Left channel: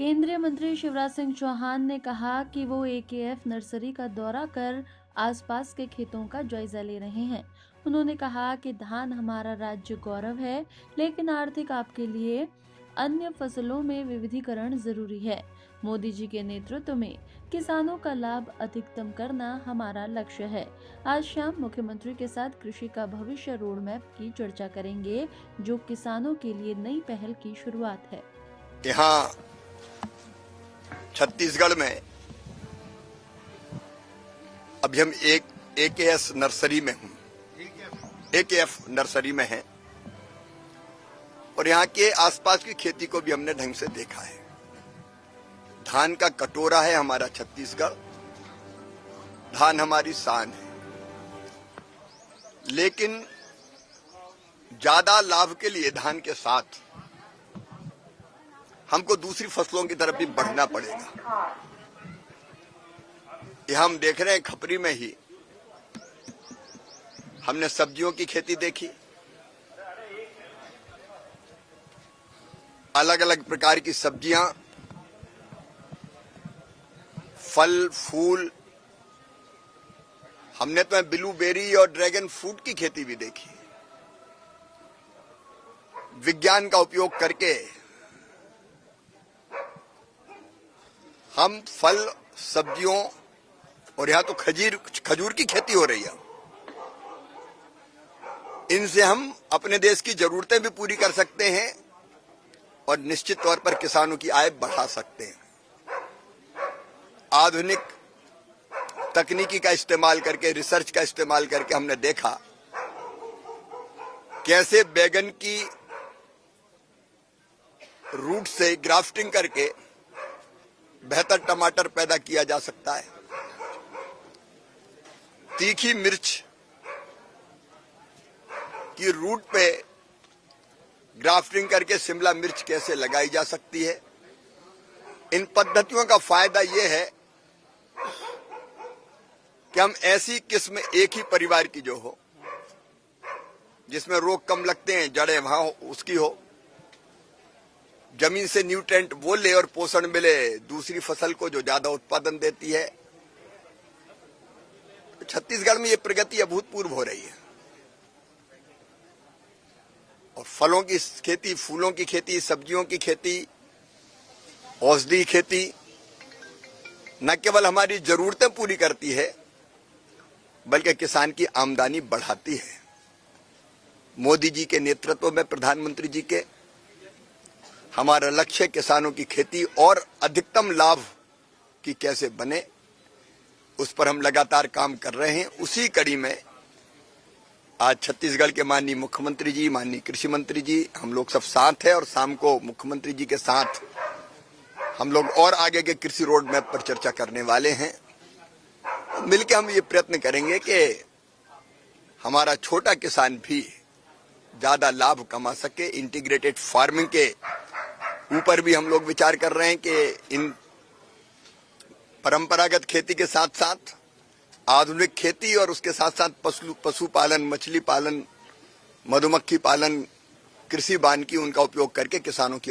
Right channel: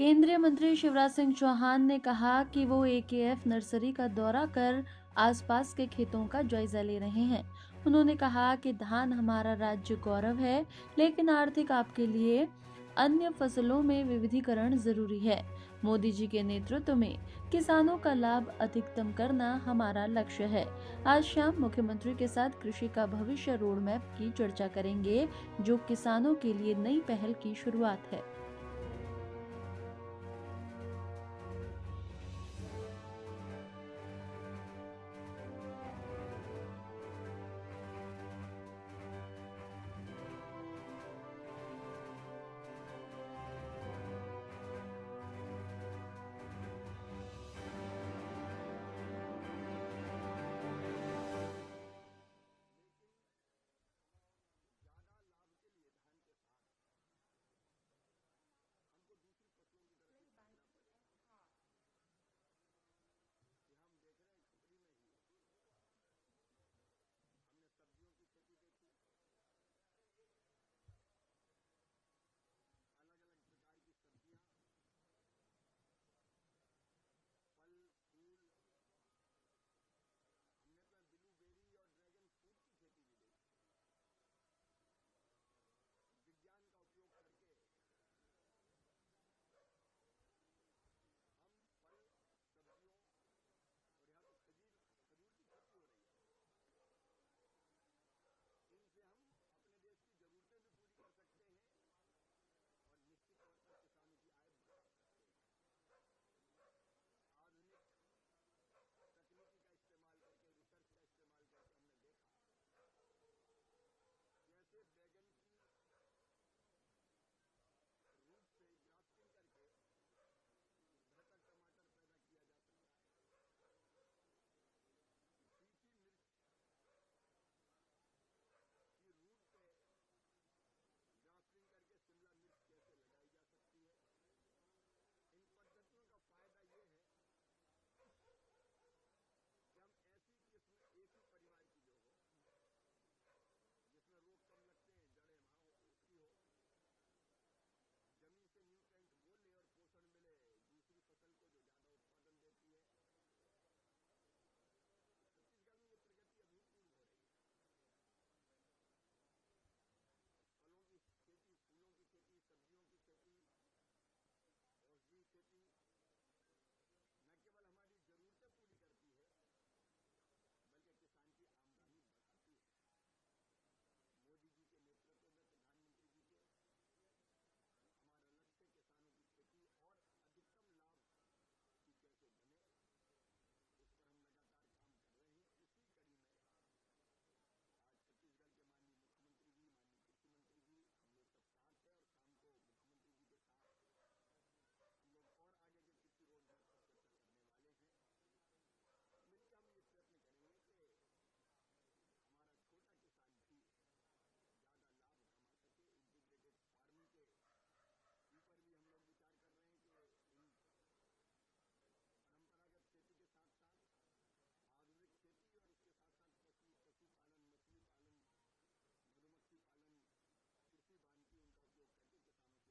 केंद्रीय मंत्री शिवराज सिंह चौहान ने कहा कि वो एकेएफ नर्सरी का दौरा कर आसपास के खेतों का जायजा ले रहे हैं। उन्होंने कहा कि धान हमारा राज्य गौरव है, लेकिन आर्थिक लाभ के लिए अन्य फसलों में विविधीकरण जरूरी है। मोदी जी के नेतृत्व में किसानों का लाभ अधिकतम करना हमारा लक्ष्य है। आज शाम मुख्यमंत्री के साथ कृषि का भविष्य रोड मैप की चर्चा करेंगे, जो किसानों के लिए नई पहल की शुरुआत है। यहाँ छत्तीसगढ़ में अभी हम एकेएस नर्सरी में हूँ, एकेएफ नर्सरी में है और यहाँ के आसपास की खेती को भी हमने ढंग से देखा है। धान का कटोरा है हमारा छत्तीसगढ़, धान हमारी शान है, लेकिन ज्यादा लाभ के लिए धान के साथ हमको दूसरी फसलों की तरफ भी बढ़ना पड़ेगा। ये हम देख रहे हैं, खपरी में ही हमने सब्जियों की खेती देखी, अलग अलग प्रकार की सब्जियां, फल फूल, हमने तो ब्लूबेरी और ड्रैगन फ्रूट की खेती भी देखी। विज्ञान का उपयोग करके हम फल सब्जियों और यहां तो खजूर की खेती हो रही है, इनसे हम अपने देश की जरूरतें भी पूरी कर सकते हैं और निश्चित तौर पर किसानों की आय बढ़ा सकते हैं। आधुनिक तकनीकी का इस्तेमाल करके, रिसर्च का इस्तेमाल करके हमने देखा कैसे बैगन की रूट से ग्राफ्टिंग करके बेहतर टमाटर पैदा किया जा सकता है। तीखी मिर्च की रूट पे ग्राफ्टिंग करके शिमला मिर्च कैसे लगाई जा सकती है। इन पद्धतियों का फायदा यह है कि हम ऐसी किस्म एक ही परिवार की जो हो, जिसमें रोग कम लगते हैं, जड़ें वहां उसकी हो, जमीन से न्यूट्रेंट वो ले और पोषण मिले दूसरी फसल को जो ज्यादा उत्पादन देती है। छत्तीसगढ़ में ये प्रगति अभूतपूर्व हो रही है और फलों की खेती, फूलों की खेती, सब्जियों की खेती, औषधि खेती न केवल हमारी जरूरतें पूरी करती है बल्कि किसान की आमदनी बढ़ाती है। मोदी जी के नेतृत्व में, प्रधानमंत्री जी के, हमारा लक्ष्य किसानों की खेती और अधिकतम लाभ की कैसे बने, उस पर हम लगातार काम कर रहे हैं। उसी कड़ी में आज छत्तीसगढ़ के माननीय मुख्यमंत्री जी, माननीय कृषि मंत्री जी, हम लोग सब साथ हैं और शाम को मुख्यमंत्री जी के साथ हम लोग और आगे के कृषि रोड मैप पर चर्चा करने वाले हैं। मिलकर हम ये प्रयत्न करेंगे कि हमारा छोटा किसान भी ज्यादा लाभ कमा सके। इंटीग्रेटेड फार्मिंग के ऊपर भी हम लोग विचार कर रहे हैं कि इन परंपरागत खेती के साथ साथ आधुनिक खेती और उसके साथ साथ पशुपालन, मछली पालन, मधुमक्खी पालन, कृषि वानिकी, उनका उपयोग करके किसानों की